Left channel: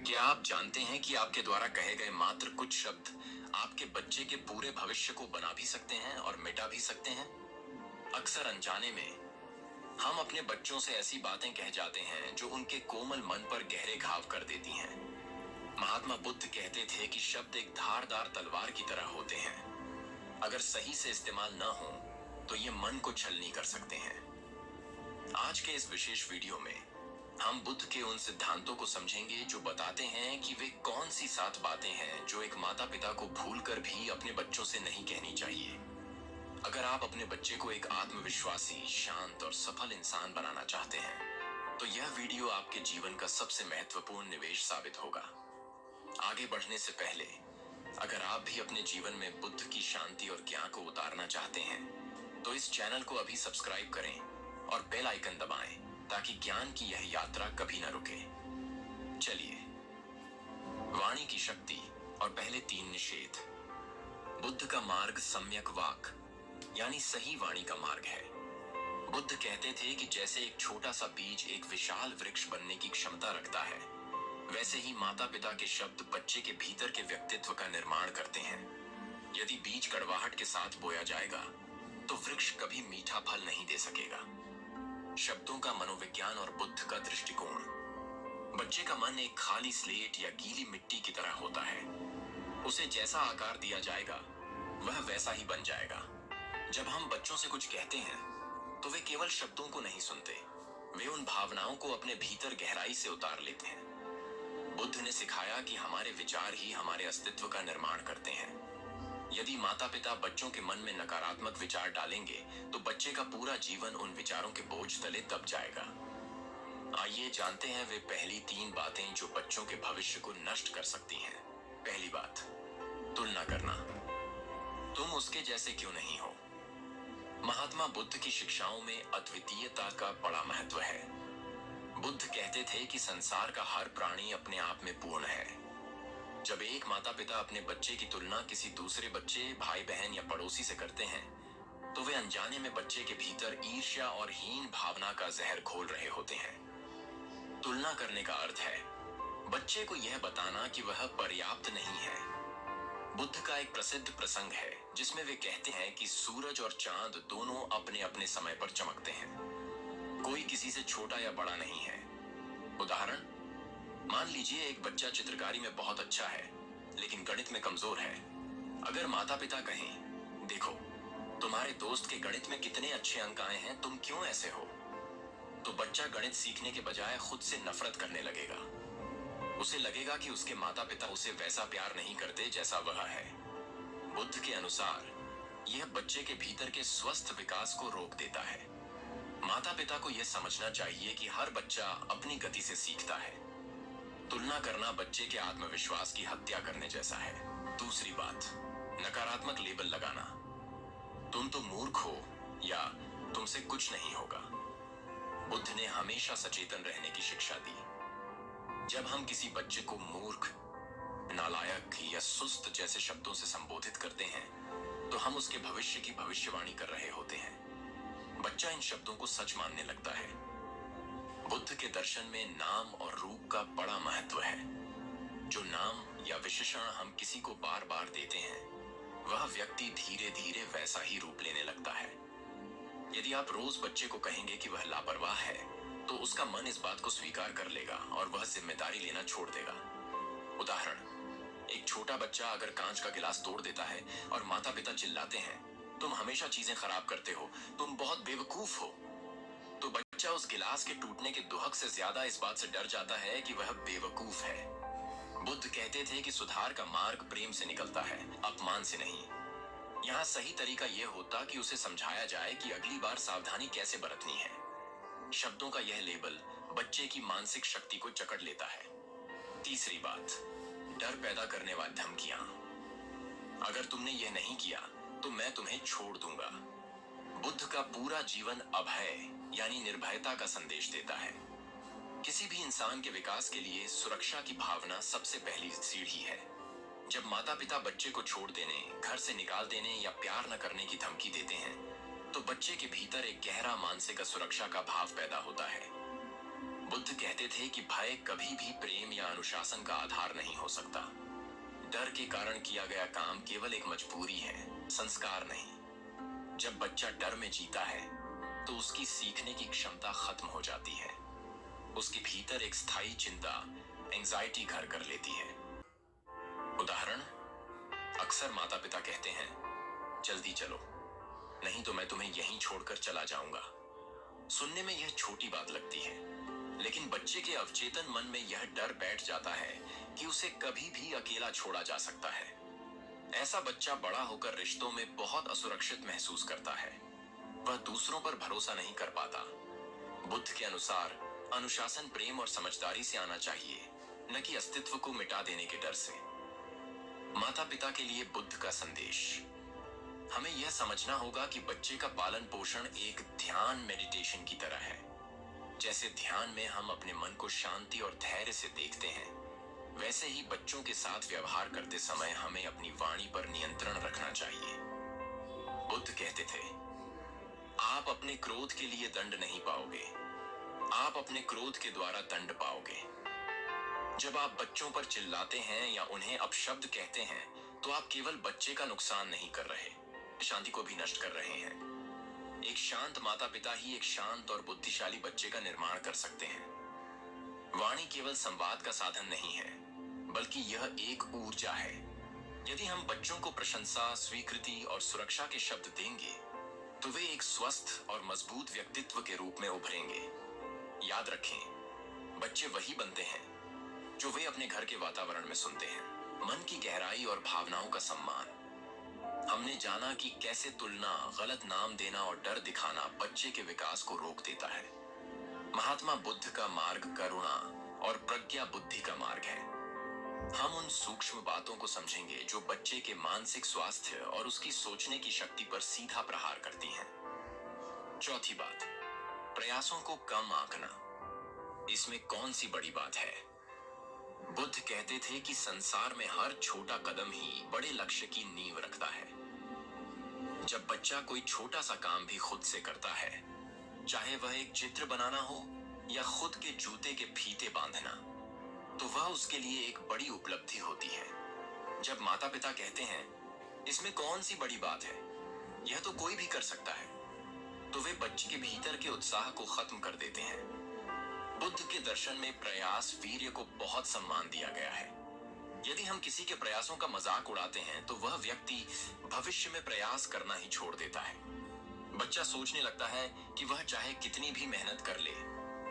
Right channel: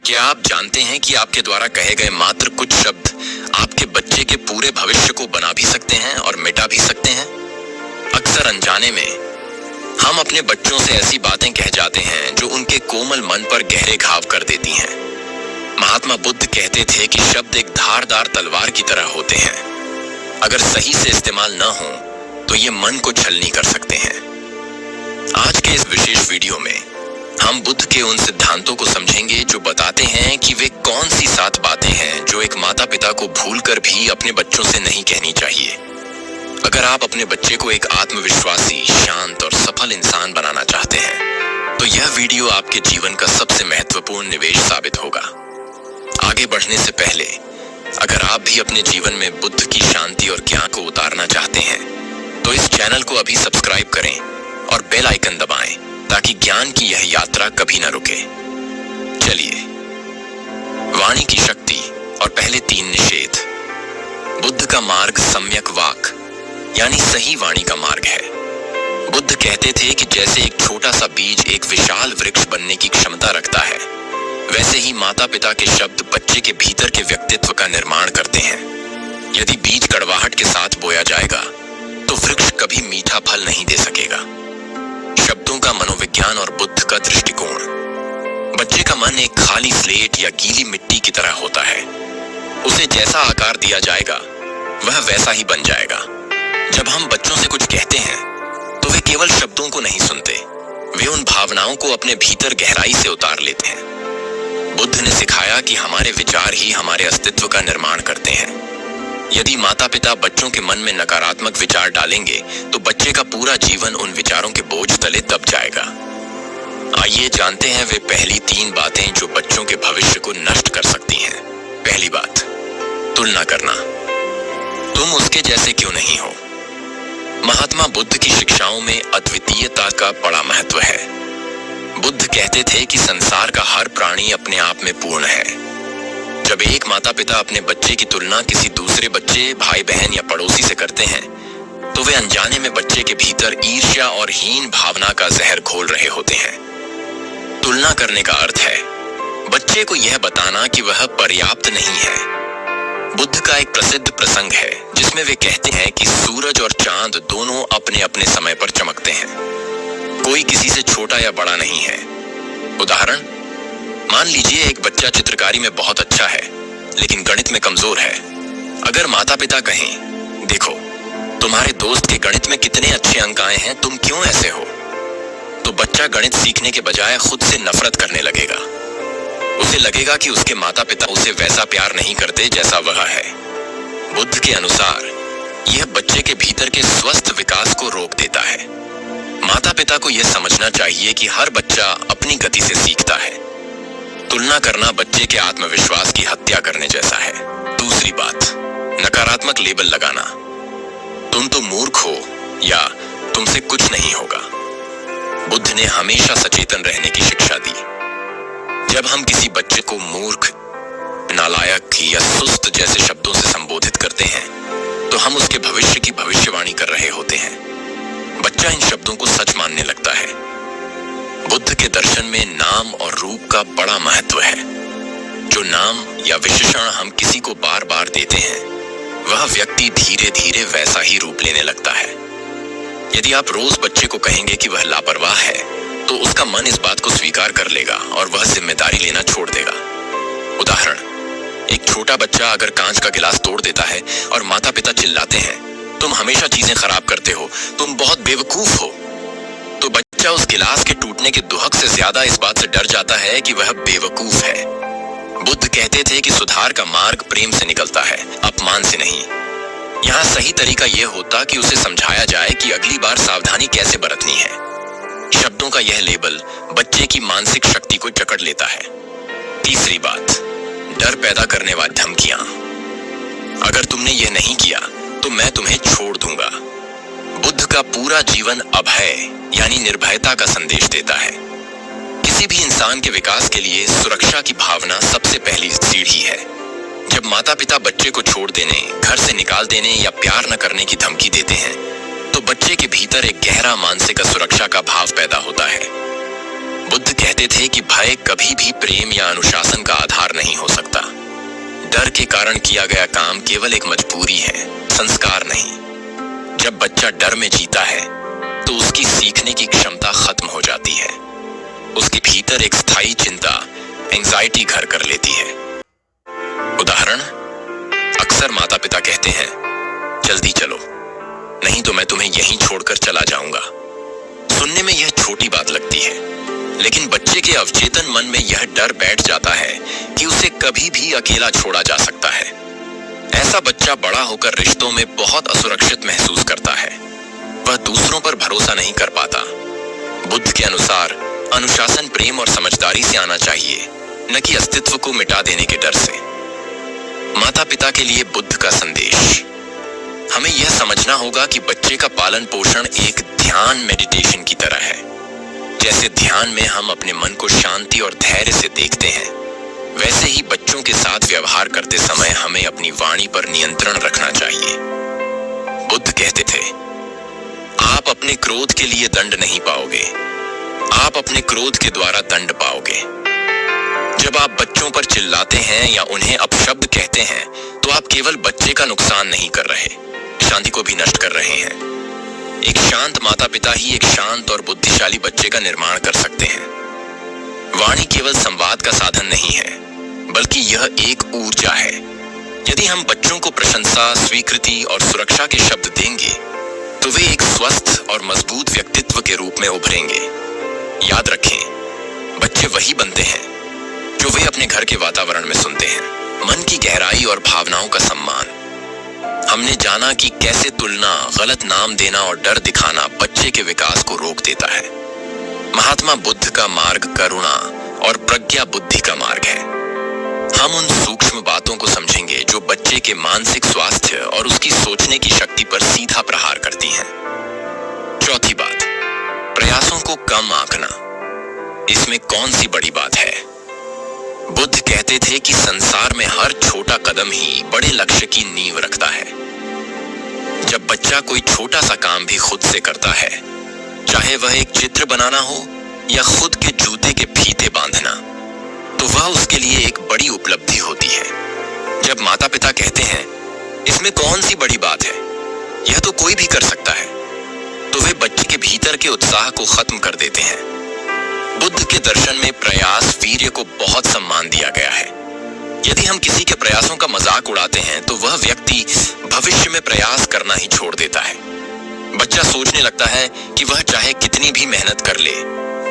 क्या आप जानते हैं कि आपके द्वारा कहे गए मात्र कुछ शब्द आपके बच्चे के पूरे भविष्य को बना भी सकते हैं और मिटा भी सकते हैं? अक्सर अनजाने में हम अपने बच्चों से ऐसी बातें कह जाते हैं जो उनके कोमल मन पर गहरे घाव कर देती हैं। महात्मा बुद्ध कहते थे कि शब्द एक धारदार तलवार की तरह होते हैं। अगर सही से इस्तेमाल न हो तो ये मन को छलनी कर सकते हैं। आज के इस विशेष वीडियो में हम बुद्ध के उन सिद्धांतों को समझेंगे जो बताते हैं कि वे कौन सी 7 बातें हैं जो एक माता पिता को भूलकर भी अपने बच्चों से नहीं कहनी चाहिए। अगर आप अपने बच्चे को एक आत्मविश्वासी, शांत और सफल इंसान बनाना चाहते हैं तो यह वीडियो आपके जीवन का सबसे महत्वपूर्ण निवेश साबित होगा। आगे बढ़ने से पहले अगर आप भी अपने जीवन में बुद्ध की शांति और ज्ञान को उतारना चाहते हैं तो इस चैनल को अभी सब्सक्राइब करें और बेल आइकन दबाएं ताकि ज्ञान की यह यात्रा कभी न रुके। चलिए, वाणी की शक्ति और पहले 3 निषेध। बुद्ध का मार्ग सम्यक वाक यानी सही वाणी का मार्ग है। बुद्ध कहते थे कि जैसे एक छोटा सा बीज एक विशाल वृक्ष बनने की क्षमता रखता है, वैसे ही माता पिता के शब्द बच्चे के भीतर के व्यक्तित्व का निर्माण करते हैं। यदि बीज कड़वाहट के साथ बोया जाएगा तो वृक्ष कभी मीठा फल नहीं दे सकेगा। शब्दों का मनोविज्ञान और बुद्ध का दृष्टिकोण। बच्चे का मन एक खाली स्लेट या गीली मिट्टी की तरह होता है। उसे जैसा आकार दिया जाएगा वह वैसा ही बन जाएगा। जब हम बच्चों से कुछ कहते हैं तो वे केवल शब्दों को नहीं सुनते, वे उन भावनाओं को अपने भीतर गहराई से उतार लेते हैं। बुद्ध ने सिखाया कि हमारे विचार ही हमारे अस्तित्व का निर्माण करते हैं। यदि माता पिता बच्चों के मन में नकारात्मक विचार डालेंगे तो बच्चे का पूरा जीवन उन विचारों के बोझ तले दब जाएगा। आइए जानते हैं वे पहली 3 बातें जो बच्चों के भविष्य को नष्ट कर सकती हैं। पहली बात, तुलना करना। तुम उसके जैसे क्यों नहीं हो? महात्मा बुद्ध की शिक्षाओं में अद्वितीयता का बड़ा महत्व है। बुद्ध कहते थे कि संसार का हर प्राणी अपने आप में पूर्ण है। जब एक माता पिता अपने बच्चे की तुलना किसी दूसरे बच्चे, भाई बहन या पड़ोसी से करते हैं तो वे अनजाने में बच्चे के भीतर ईर्ष्या और हीन भावना का जहर घोल रहे होते हैं। तुलना करने का अर्थ है बच्चे को यह बताना कि वह पर्याप्त नहीं है। बुद्ध का एक प्रसिद्ध प्रसंग है जिसमें वे कहते हैं कि सूरज और चांद दोनों अपने अपने समय पर चमकते हैं। कोई किसी से छोटा या बड़ा नहीं है। उदाहरण, मान लीजिए एक बच्चा चित्रकारी में बहुत अच्छा है लेकिन गणित में कमजोर है। अगर माता पिता कहें, देखो तुम्हारे दोस्त के गणित में कितने अच्छे अंक आए हैं, तुम क्यों ऐसे हो, तो बच्चा गणित सीखने के बजाय खुद से नफरत करने लगेगा। उसे लगेगा कि उसके माता पिता उसे वैसा प्यार नहीं करते जैसा वह है। बुद्ध के अनुसार यह बच्चे के भीतर के स्वस्थ विकास को रोक देता है। माता पिता को यह समझना चाहिए कि हर बच्चा अपनी गति से सीखता है। तुलना करना बच्चे के आत्मविश्वास की हत्या करने जैसा है। दूसरी बात, नकारात्मक लेबल लगाना। तुम तो मूर्ख हो या तुमसे कुछ नहीं होगा। बुद्ध ने हमेशा सचेतन रहने की शिक्षा दी। जब हम किसी बच्चे को मूर्ख, नालायक या सुस्त जैसे शब्दों से संबोधित करते हैं तो हम उसके भविष्य की भविष्यवाणी कर रहे होते हैं। बच्चा इन शब्दों को सच मानने लगता है। बुद्ध के दर्शन में नाम और रूप का बड़ा महत्व है। जो नाम या विशेषण हम किसी को बार बार देते हैं वह व्यक्ति धीरे धीरे वैसा ही रूप लेने लगता है। यदि आप रोज बच्चे को कहेंगे कि वह लापरवाह है तो उसका मन इस बात को स्वीकार कर लेगा और वह जिम्मेदारी लेना छोड़ देगा। उदाहरण, एक छोटा बच्चा अगर कांच का गिलास तोड़ देता है और माता पिता चिल्लाते हैं, तुम हमेशा चीजें खराब करते हो, तुम बहुत बेवकूफ हो, तो बच्चा उस गिलास के टूटने के दुहक से ज्यादा इस बात से डर जाता है कि वह बेवकूफ है। बुद्ध कहते थे कि सुधार का मार्ग प्रेम से निकलता है, अपमान से नहीं। यहाँ सही तरीका यह होता कि उसे समझाया जाए कि अगली बार सावधानी कैसे बरतनी है। शब्दों का यह लेबल बच्चे की मानसिक शक्ति को जकड़ लेता है। तीसरी बात, डर पैदा करने वाली धमकियां। अगर तुमने यह नहीं किया तो मैं तुम्हें छोड़ दूंगा। बुद्ध का पूरा जीवन अभय यानी निर्भयता का संदेश देता है। किसी भी इंसान के विकास के लिए सुरक्षा की भावना सबसे पहली सीढ़ी है। जब माता पिता बच्चे को छोड़ देने, घर से निकाल देने या प्यार न करने की धमकी देते हैं तो बच्चे के भीतर एक गहरा मानसिक सुरक्षा का भाव पैदा होता है। बुद्ध कहते थे कि भय कभी भी प्रेम या अनुशासन का आधार नहीं हो सकता। डर के कारण किया गया काम केवल एक मजबूरी है, संस्कार नहीं। जब बच्चा डर में जीता है तो उसकी सीखने की क्षमता खत्म हो जाती है। उसके भीतर एक स्थायी चिंता, एंजाइटी घर कर लेती है। उदाहरण, अक्सर माता पिता कहते हैं, जल्दी चलो, नहीं तो मैं तुम्हें यहीं छोड़कर चला जाऊंगा। सुनने में यह छोटी बात लगती है, लेकिन बच्चे के अवचेतन मन में यह डर बैठ जाता है कि उसे कभी भी अकेला छोड़ा जा सकता है। ऐसा बच्चा बड़ा होकर रिश्तों में बहुत असुरक्षित महसूस करता है। वह दूसरों पर भरोसा नहीं कर पाता। बुद्ध के अनुसार अनुशासन प्रेम और समझदारी से आना चाहिए, न कि अस्तित्व को मिटा देने के डर से। माता पिता के लिए बुद्ध का संदेश, हमें यह समझना होगा कि बच्चे का पालन पोषण एक ध्यान मेडिटेशन की तरह है। जैसे ध्यान में हम अपने मन को शांति और धैर्य से देखते हैं, वैसे ही बच्चों के साथ व्यवहार करते समय हमें अपनी वाणी पर नियंत्रण रखना चाहिए। बुद्ध कहते थे, आप अपने क्रोध के लिए दंड नहीं पाओगे, आप अपने क्रोध के द्वारा दंड पाओगे। जब आप बच्चों पर चिल्लाते हैं या उन्हें अपशब्द कहते हैं, तो आप केवल बच्चे का नुकसान नहीं कर रहे, शांति को भी नष्ट कर रहे हैं। एक शांत माता पिता ही एक शांत और बुद्धिशाली बच्चे का निर्माण कर सकते हैं। वाणी केवल संवाद का साधन नहीं है, बल्कि यह एक ऊर्जा है। यदि हम बच्चों को प्रशंसा, स्वीकृति और सुरक्षा के शब्द देंगे, तो वे एक स्वस्थ और मजबूत व्यक्तित्व के रूप में उभरेंगे। याद रखें, बच्चे वही बनते हैं जो वे अपने घर के वातावरण में सुनते हैं। मन की गहराई और भावनाओं का सम्मान। हमने जाना कि कैसे तुलना, गलत नाम देना और डर दिखाना बच्चे के विकास को रोक देता है। महात्मा बुद्ध का मार्ग करुणा और प्रज्ञा बुद्धि का मार्ग है। हम उन सूक्ष्म बातों को समझेंगे जो बच्चे के मानसिक स्वास्थ्य और उसकी सोचने की शक्ति पर सीधा प्रहार करती हैं। चौथी बात, प्रयासों को कम आंकना। इसमें कौन सी बड़ी बात है? बुद्ध कहते थे कि संसार में हर छोटा कदम ही बड़े लक्ष्य की नींव रखता है। जब बच्चा कोई छोटा सा काम भी खुद से करता है, चाहे वह एक चित्र बनाना हो या खुद के जूते के फीते बांधना, तो वह उसके लिए एक बड़ी उपलब्धि होती है। जब माता पिता कहते हैं, इसमें कौन सी बड़ी बात है, यह तो कोई भी कर सकता है, तो वे बच्चे के भीतर के उत्साह को खत्म कर देते हैं। बुद्ध के दर्शन में प्रयास, वीर्य को बहुत सम्मान दिया गया है। यदि हम किसी के प्रयासों का मजाक उड़ाते हैं, तो वह व्यक्ति भविष्य में प्रयास करना ही छोड़ देता है। बच्चा सोचने लगता है कि वह चाहे कितनी भी मेहनत कर ले,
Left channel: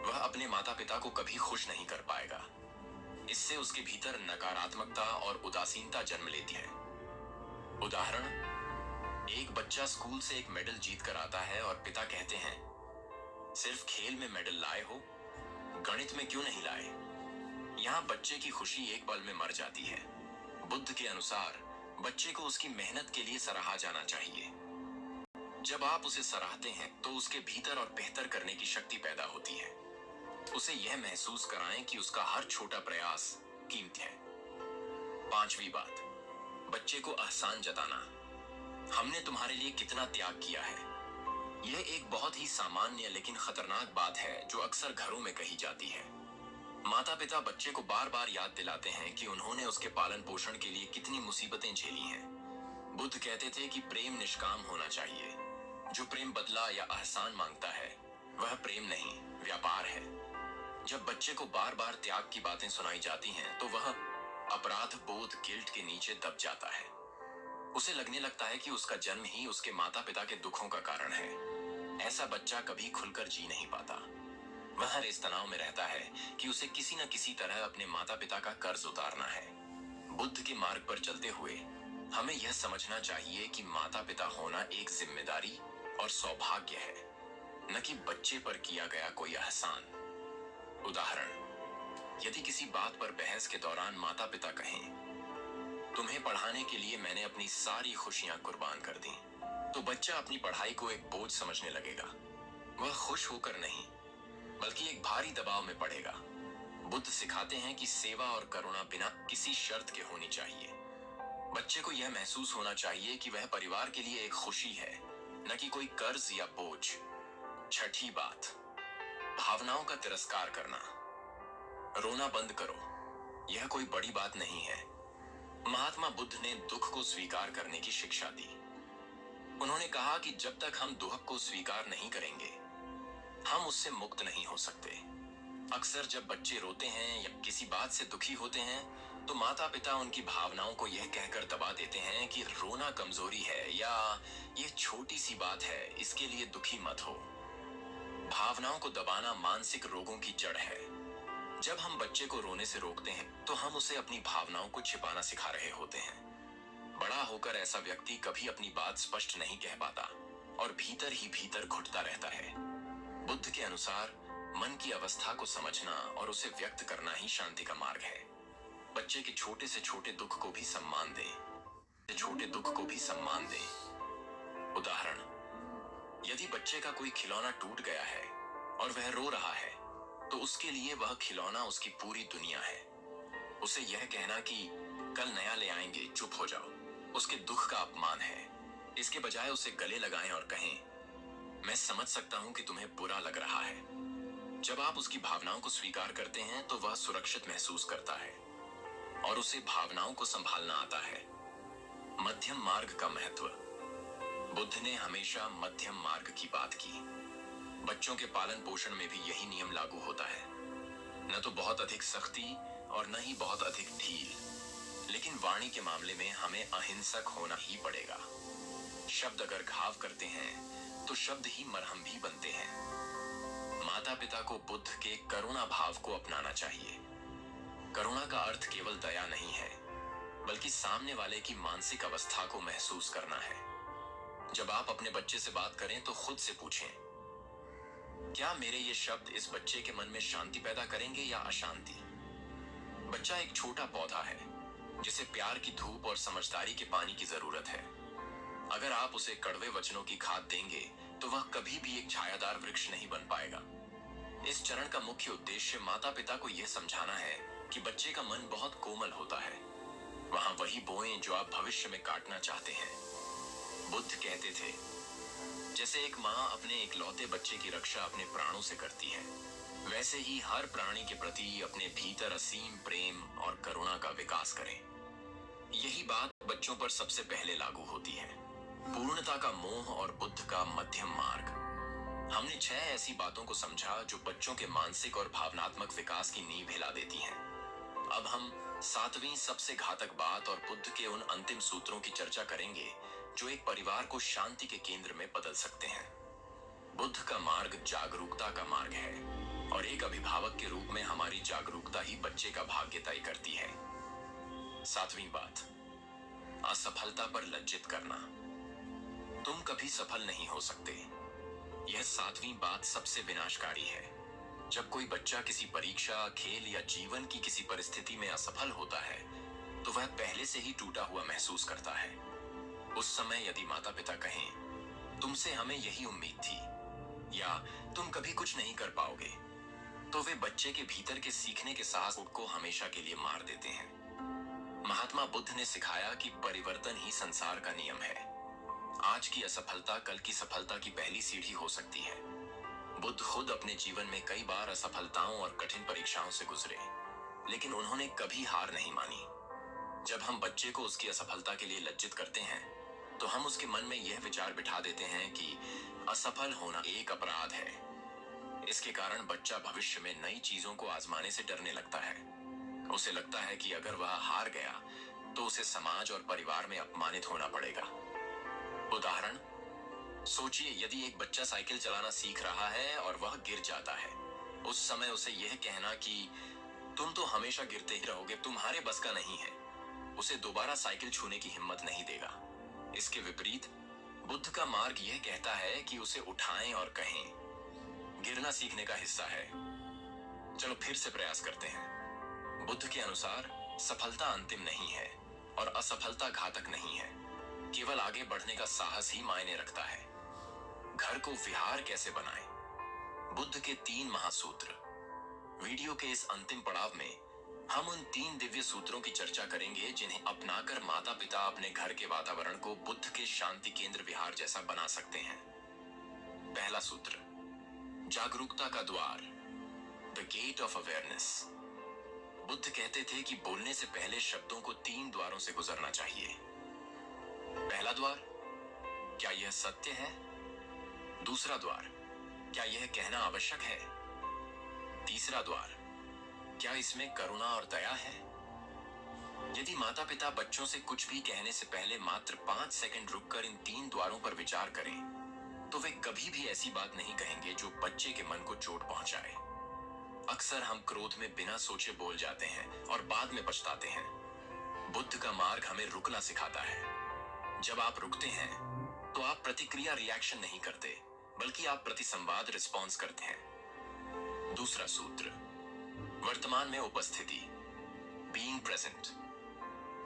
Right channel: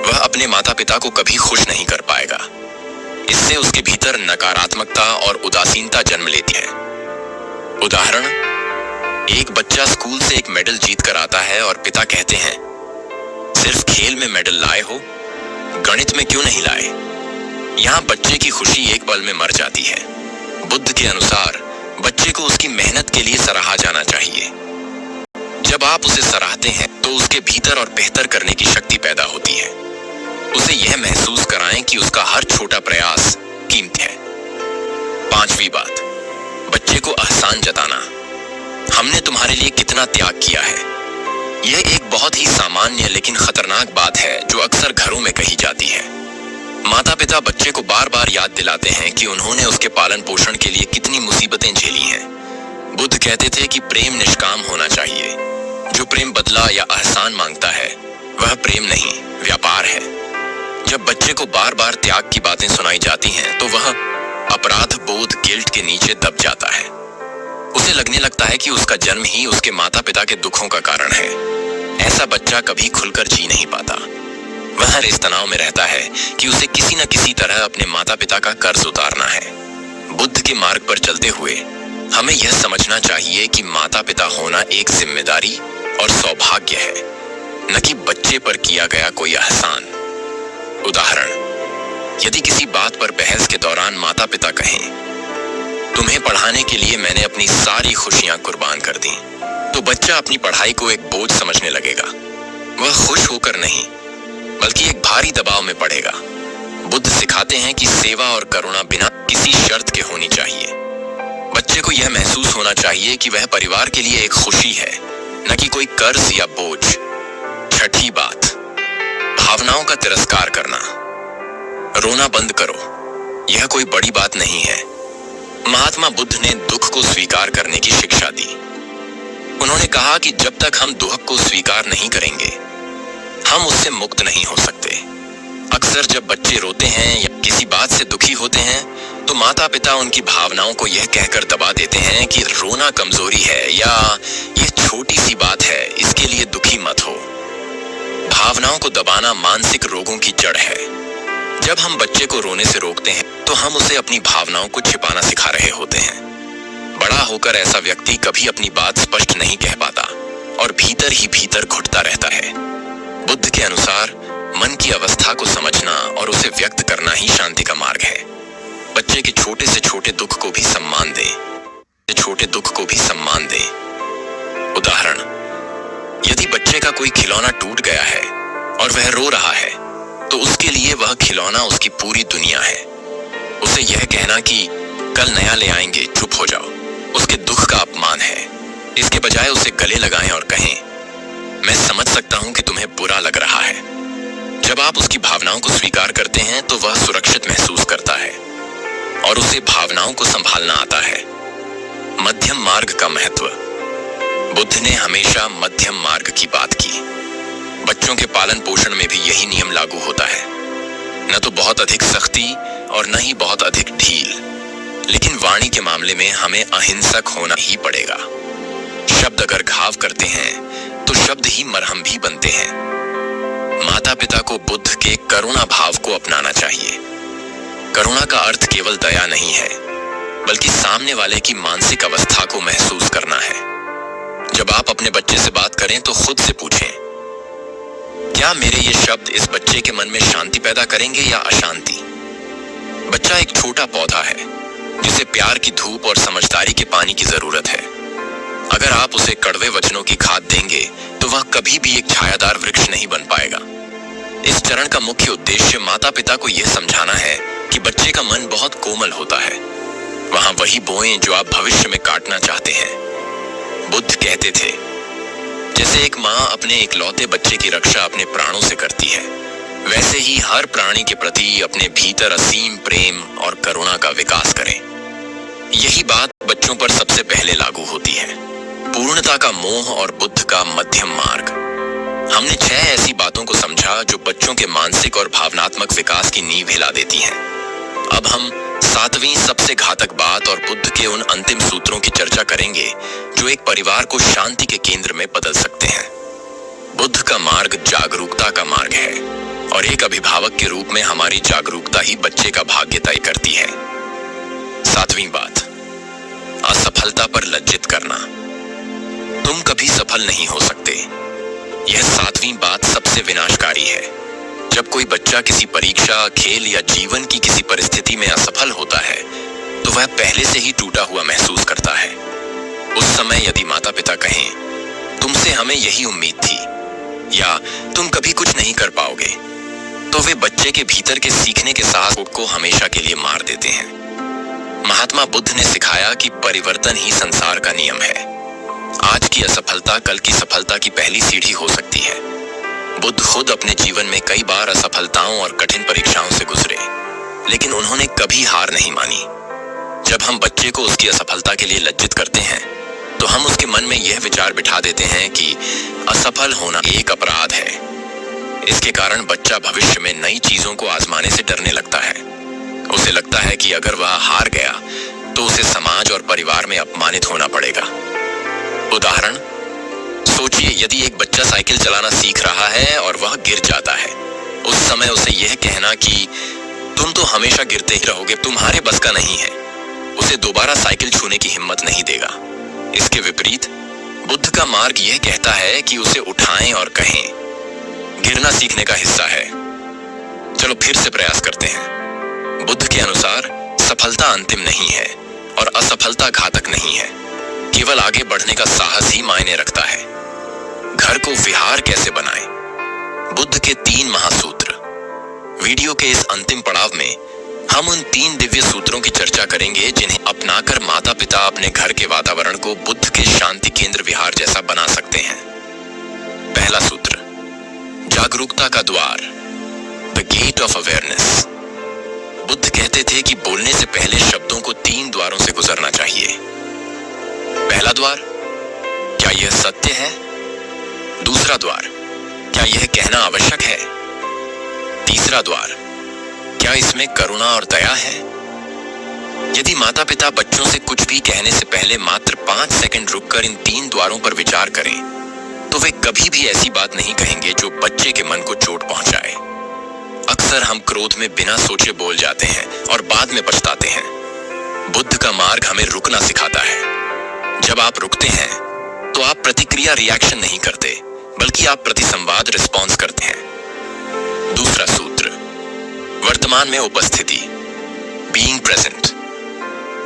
वह अपने माता पिता को कभी खुश नहीं कर पाएगा। इससे उसके भीतर नकारात्मकता और उदासीनता जन्म लेती है। उदाहरण, एक बच्चा स्कूल से एक मेडल जीत कर आता है और पिता कहते हैं, सिर्फ खेल में मेडल लाए हो, गणित में क्यों नहीं लाए? यहाँ बच्चे की खुशी एक पल में मर जाती है। बुद्ध के अनुसार बच्चे को उसकी मेहनत के लिए सराहा जाना चाहिए। जब आप उसे सराहते हैं, तो उसके भीतर और बेहतर करने की शक्ति पैदा होती है। उसे यह महसूस कराएं कि उसका हर छोटा प्रयास कीमती है। पांचवी बात, बच्चे को एहसान जताना। हमने तुम्हारे लिए कितना त्याग किया है। यह एक बहुत ही सामान्य लेकिन खतरनाक बात है जो अक्सर घरों में कही जाती है। माता पिता बच्चे को बार बार याद दिलाते हैं कि उन्होंने उसके पालन पोषण के लिए कितनी मुसीबतें झेली हैं। बुद्ध कहते थे कि प्रेम निष्काम होना चाहिए। जो प्रेम बदला या एहसान मांगता है, वह प्रेम नहीं, व्यापार है। जब बच्चे को बार बार त्याग की बातें सुनाई जाती हैं, तो वह अपराध बोध, गिल्ट के नीचे दब जाता है। उसे लगने लगता है कि उसका जन्म ही उसके माता पिता के दुखों का कारण है। ऐसा बच्चा कभी खुलकर जी नहीं पाता। वह हर इस तनाव में रहता है कि उसे किसी न किसी तरह अपने माता पिता का कर्ज उतारना है। बुद्ध के मार्ग पर चलते हुए हमें यह समझना चाहिए कि माता पिता होना एक जिम्मेदारी और सौभाग्य है, न कि बच्चे पर किया गया कोई एहसान। उदाहरण, यदि किसी बात पर बहस के दौरान माता पिता कहें, तुम्हें पढ़ाने के लिए मैंने अपनी सारी खुशियां कुर्बान कर दी, तो बच्चा अपनी पढ़ाई को एक बोझ समझने लगेगा। वह खुश होकर नहीं, बल्कि एक भारी दबाव में पड़ेगा। बुद्ध सिखाते हैं कि सेवा और करुणा बिना किसी शर्त के होनी चाहिए। बच्चे को यह महसूस होना चाहिए कि वह परिवार के लिए एक खुशी है, न कि कोई कर्ज या बोझ। छठी बात, भावनाओं का तिरस्कार करना। रोना बंद करो, यह कोई बड़ी बात नहीं है। महात्मा बुद्ध ने दुख को स्वीकार करने की शिक्षा दी। उन्होंने कहा कि जब तक हम दुख को स्वीकार नहीं करेंगे, हम उससे मुक्त नहीं हो सकते। अक्सर जब बच्चे रोते हैं या किसी बात से दुखी होते हैं, तो माता पिता उनकी भावनाओं को यह कहकर दबा देते हैं कि रोना कमजोरी है या यह छोटी सी बात है, इसके लिए दुखी मत हो। भावनाओं को दबाना मानसिक रोगों की जड़ है। जब हम बच्चे को रोने से रोकते हैं, तो हम उसे अपनी भावनाओं को छिपाना सिखा रहे होते हैं। बड़ा होकर ऐसा व्यक्ति कभी अपनी बात स्पष्ट नहीं कह पाता और भीतर ही भीतर घुटता रहता है। बुद्ध के अनुसार मन की अवस्था को समझना और उसे व्यक्त करना ही शांति का मार्ग है। बच्चे के छोटे से छोटे दुख को भी सम्मान दें, छोटे दुख को भी सम्मान दें। उदाहरण, यदि बच्चे का कोई खिलौना टूट गया है और वह रो रहा है, तो उसके लिए वह खिलौना उसकी पूरी दुनिया है। उसे यह कहना कि कल नया ले आएंगे, चुप हो जाओ, उसके दुख का अपमान है। इसके बजाय उसे गले लगाएं और कहें, मैं समझ सकता हूं कि तुम्हें बुरा लग रहा है। जब आप उसकी भावनाओं को स्वीकार करते हैं, तो वह सुरक्षित महसूस करता है और उसे भावनाओं को संभालना आता है। मध्यम मार्ग का महत्व। बुद्ध ने हमेशा मध्यम मार्ग की बात की। बच्चों के पालन पोषण में भी यही नियम लागू होता है, न तो बहुत अधिक सख्ती और न ही बहुत अधिक ढील। लेकिन वाणी के मामले में हमें अहिंसक होना ही पड़ेगा। शब्द अगर घाव करते हैं, तो शब्द ही मरहम भी बनते हैं। माता पिता को बुद्ध के करुणा भाव को अपनाना चाहिए। करुणा का अर्थ केवल दया नहीं है, बल्कि सामने वाले की मानसिक अवस्था को महसूस करना है। जब आप अपने बच्चे से बात करें, तो खुद से पूछें, क्या मेरे ये शब्द इस बच्चे के मन में शांति पैदा करेंगे या अशांति? बच्चा एक छोटा पौधा है, जिसे प्यार की धूप और समझदारी के पानी की जरूरत है। अगर आप उसे कड़वे वचनों की खाद देंगे, तो वह कभी भी एक छायादार वृक्ष नहीं बन पाएगा। इस चरण का मुख्य उद्देश्य माता पिता को यह समझाना है कि बच्चे का मन बहुत कोमल होता है। वहां वही बोएं जो आप भविष्य में काटना चाहते हैं। बुद्ध कहते थे, जैसे एक माँ अपने इकलौते बच्चे की रक्षा अपने प्राणों से करती है, वैसे ही हर प्राणी के प्रति अपने भीतर असीम प्रेम और करुणा का विकास करें। यही बात बच्चों पर सबसे पहले लागू होती है। पूर्णता का मोह और बुद्ध का मध्यम मार्ग। हमने 6 ऐसी बातों को समझा जो बच्चों के मानसिक और भावनात्मक विकास की नींव हिला देती हैं। अब हम 7वीं सबसे घातक बात और बुद्ध के उन अंतिम सूत्रों की चर्चा करेंगे जो एक परिवार को शांति के केंद्र में बदल सकते हैं। बुद्ध का मार्ग जागरूकता का मार्ग है और एक अभिभावक के रूप में हमारी जागरूकता ही बच्चे का भाग्य तय करती है। 7वीं बात, असफलता पर लज्जित करना। तुम कभी सफल नहीं हो सकते। यह 7वीं बात सबसे विनाशकारी है। जब कोई बच्चा किसी परीक्षा, खेल या जीवन की किसी परिस्थिति में असफल होता है, तो वह पहले से ही टूटा हुआ महसूस करता है। उस समय यदि माता पिता कहें, तुमसे हमें यही उम्मीद थी, या तुम कभी कुछ नहीं कर पाओगे, तो वे बच्चे के भीतर के सीखने के साथ को हमेशा के लिए मार देते हैं। महात्मा बुद्ध ने सिखाया कि परिवर्तन ही संसार का नियम है। आज की असफलता कल की सफलता की पहली सीढ़ी हो सकती है। बुद्ध खुद अपने जीवन में कई बार असफलताओं और कठिन परीक्षाओं से गुजरे, लेकिन उन्होंने कभी हार नहीं मानी। जब हम बच्चे को उसकी असफलता के लिए लज्जित करते हैं, तो हम उसके मन में यह विचार बिठा देते हैं कि असफल होना एक अपराध है। इसके कारण बच्चा भविष्य में नई चीजों को आजमाने से डरने लगता है। उसे लगता है कि अगर वह हार गया, तो उसे समाज और परिवार में अपमानित होना पड़ेगा। उदाहरण, सोचिए यदि एक बच्चा साइकिल चलाना सीख रहा है और वह गिर जाता है। उस समय उसे यह कहना कि तुम तो हमेशा गिरते ही रहोगे, तुम्हारे बस का नहीं है, उसे दोबारा साइकिल छूने की हिम्मत नहीं देगा। इसके विपरीत बुद्ध का मार्ग यह कहता है कि उसे उठाएं और कहें, गिरना सीखने का हिस्सा है, चलो फिर से प्रयास करते हैं। बुद्ध के अनुसार सफलता अंतिम नहीं है और असफलता घातक नहीं है, केवल आगे बढ़ने का साहस ही मायने रखता है। घर को विहार कैसे बनाएं? बुद्ध के 3 महासूत्र। वीडियो के इस अंतिम पड़ाव में हम उन 3 दिव्य सूत्रों की चर्चा करेंगे जिन्हें अपनाकर माता पिता अपने घर के वातावरण को बुद्ध के शांति केंद्र विहार जैसा बना सकते हैं। पहला सूत्र, जागरूकता का द्वार, the gate of awareness. Buddha कहते थे कि बोलने से पहले शब्दों को 3 द्वारों से गुजरना चाहिए। पहला द्वार, क्या यह सत्य है? दूसरा द्वार, क्या यह कहना आवश्यक है? तीसरा द्वार, क्या इसमें करुणा और दया है? यदि माता पिता बच्चों से कुछ भी कहने से पहले मात्र 5 सेकंड रुककर इन 3 द्वारों पर विचार करें, तो वे कभी भी ऐसी बात नहीं कहेंगे जो बच्चे के मन को चोट पहुंचाए। अक्सर हम क्रोध में बिना सोचे बोल जाते हैं और बाद में पछताते हैं। बुद्ध का मार्ग हमें रुकना सिखाता है। जब आप रुकते हैं तो आप प्रतिक्रिया रिएक्शन नहीं करते, बल्कि आप प्रतिसंवाद रिस्पॉन्स करते हैं। दूसरा सूत्र, वर्तमान में उपस्थिति, बीइंग प्रेजेंट।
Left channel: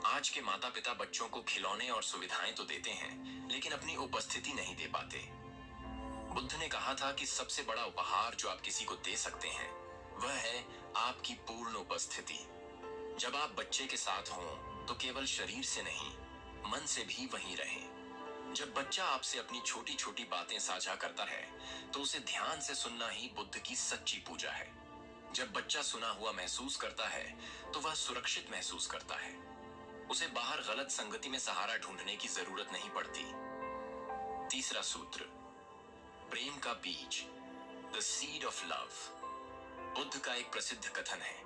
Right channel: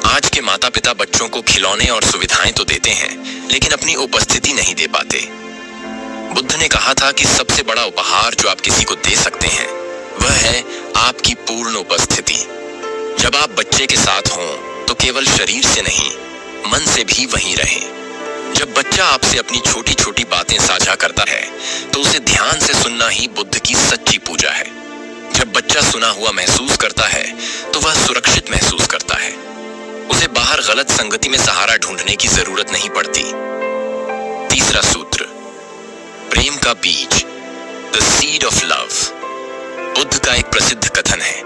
आज के माता पिता बच्चों को खिलौने और सुविधाएं तो देते हैं, लेकिन अपनी उपस्थिति नहीं दे पाते। बुद्ध ने कहा था कि सबसे बड़ा उपहार जो आप किसी को दे सकते हैं वह है आपकी पूर्ण उपस्थिति। जब आप बच्चे के साथ हों तो केवल शरीर से नहीं, मन से भी वहीं रहें। जब बच्चा आपसे अपनी छोटी छोटी बातें साझा करता है तो उसे ध्यान से सुनना ही बुद्ध की सच्ची पूजा है। जब बच्चा सुना हुआ महसूस करता है तो वह सुरक्षित महसूस करता है। उसे बाहर गलत संगति में सहारा ढूंढने की जरूरत नहीं पड़ती। तीसरा सूत्र, प्रेम का बीज, the seed of love. Buddha का एक प्रसिद्ध कथन है,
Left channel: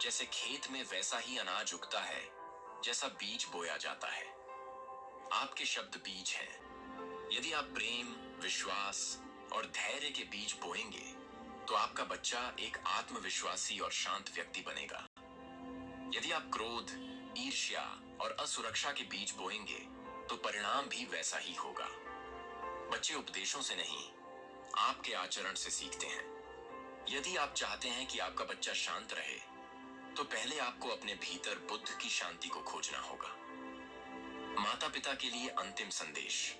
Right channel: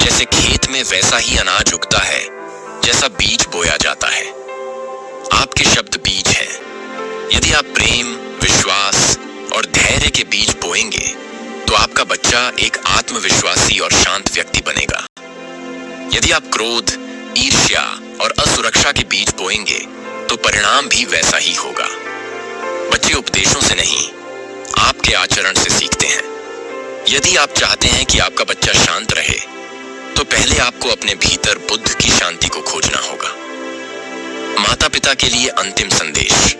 जैसे खेत में वैसा ही अनाज उगता है जैसा बीज बोया जाता है। आपके शब्द बीज हैं। यदि आप प्रेम, विश्वास और धैर्य के बीज बोएंगे तो आपका बच्चा एक आत्मविश्वासी और शांत व्यक्ति बनेगा। यदि आप क्रोध, ईर्ष्या और असुरक्षा के बीज बोएंगे तो परिणाम भी वैसा ही होगा। बच्चे उपदेशों से नहीं, आपके आचरण से सीखते हैं। यदि आप चाहते हैं कि आपका बच्चा शांत रहे तो पहले आपको अपने भीतर बुद्ध की शांति को खोजना होगा। माता पिता के लिए अंतिम संदेश।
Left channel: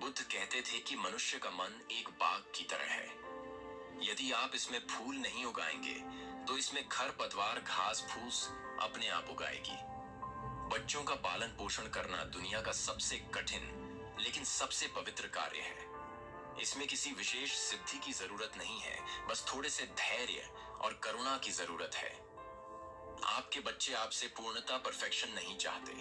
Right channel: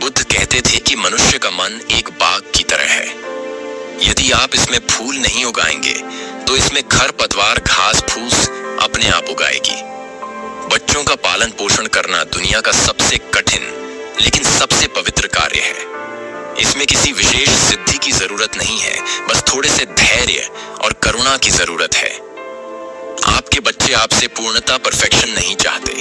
बुद्ध कहते थे कि मनुष्य का मन एक बाग की तरह है। यदि आप इसमें फूल नहीं उगाएंगे तो इसमें खरपतवार, घास फूस अपने आप उगाएगी। बच्चों का पालन पोषण करना दुनिया का सबसे कठिन लेकिन सबसे पवित्र कार्य है। इसमें किसी विशेष सिद्धि की जरूरत नहीं है, बस थोड़े से धैर्य और करुणा की जरूरत है। आपके बच्चे आपसे पूर्णता, परफेक्शन नहीं चाहते।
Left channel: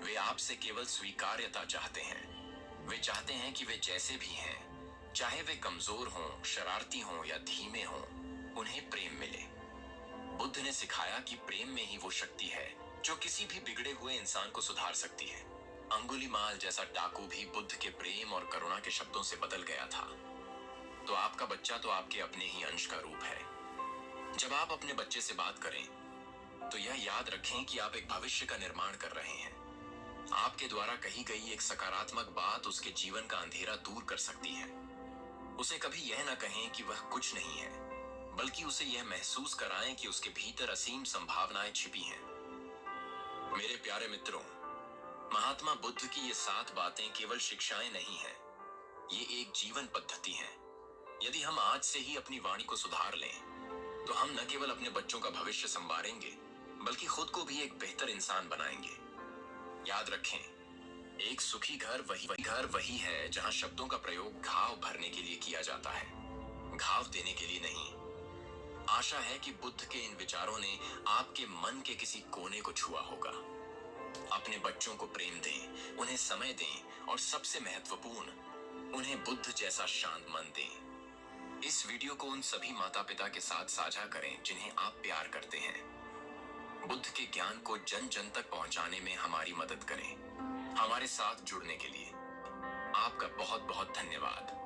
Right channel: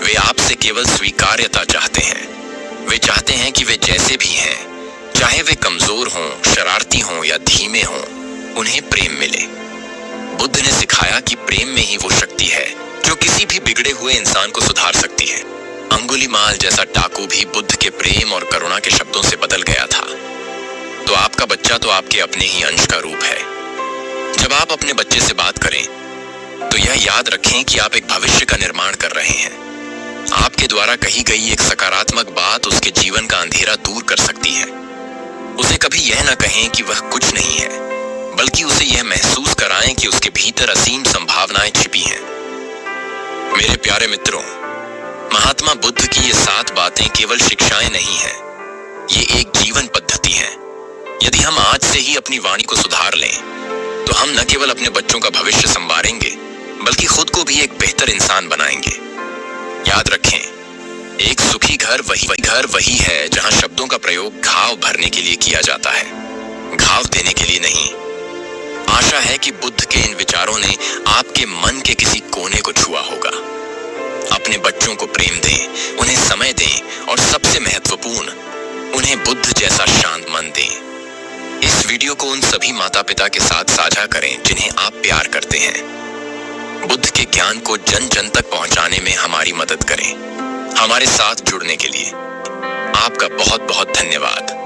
वे आपसे केवल स्वीकार्यता चाहते हैं। वे चाहते हैं कि वे जैसे भी हैं, चाहे वे कमजोर हों, शरारती हों या धीमे हों, उन्हें प्रेम मिले। बुद्ध ने सिखाया कि प्रेम में ही वो शक्ति है जो किसी भी बिगड़े हुए इंसान को सुधार सकती है। अंगुलीमाल जैसा डाकू भी बुद्ध के प्रेम और करुणा के शब्दों से बदल गया था। तो आपका बच्चा तो आपके अपने ही अंश का रूप है। जब आप अपने बच्चे से बात करें तो यह याद रखें कि आप एक भविष्य का निर्माण कर रहे हैं। आपके द्वारा कही गई एक सकारात्मक बात उसके जीवन का अंधेरा दूर कर सकती है। उसे कभी यह न कहें कि वह कुछ नहीं है, बल्कि उसे यह महसूस कराएं कि उसके भीतर असीम संभावनाएं छिपी हैं। मेरे प्यारे मित्रों, महात्मा बुद्ध की ये 7 बातें केवल शिक्षाएं नहीं हैं, ये एक जीवन पद्धति है। यदि हम आज से ही अपनी वाणी को सुधार लें तो हम न केवल अपने बच्चों का भविष्य संवारेंगे, बल्कि खुद को भी एक बेहतर इंसान बनाएंगे। याद रखें, एक सुखी घर वही है जहां शब्दों का प्रयोग घाव भरने के लिए किया जाता है, घाव देने के लिए नहीं। आशा है कि बुद्ध के इन विचारों ने आपके मन के किसी कोने को छुआ होगा। अपने बच्चों को प्रेम दें, उन्हें समय दें और सबसे महत्वपूर्ण, उन्हें बुद्ध जैसा शांत मन दें। इस वीडियो को उन सभी माता पिता के साथ साझा करें जिन्हें आप प्यार करते हैं। बुद्ध के ज्ञान को जन जन तक पहुंचाने में हमारी मदद करें। हमारे साथ जुड़ने के लिए आपका बहुत बहुत धन्यवाद।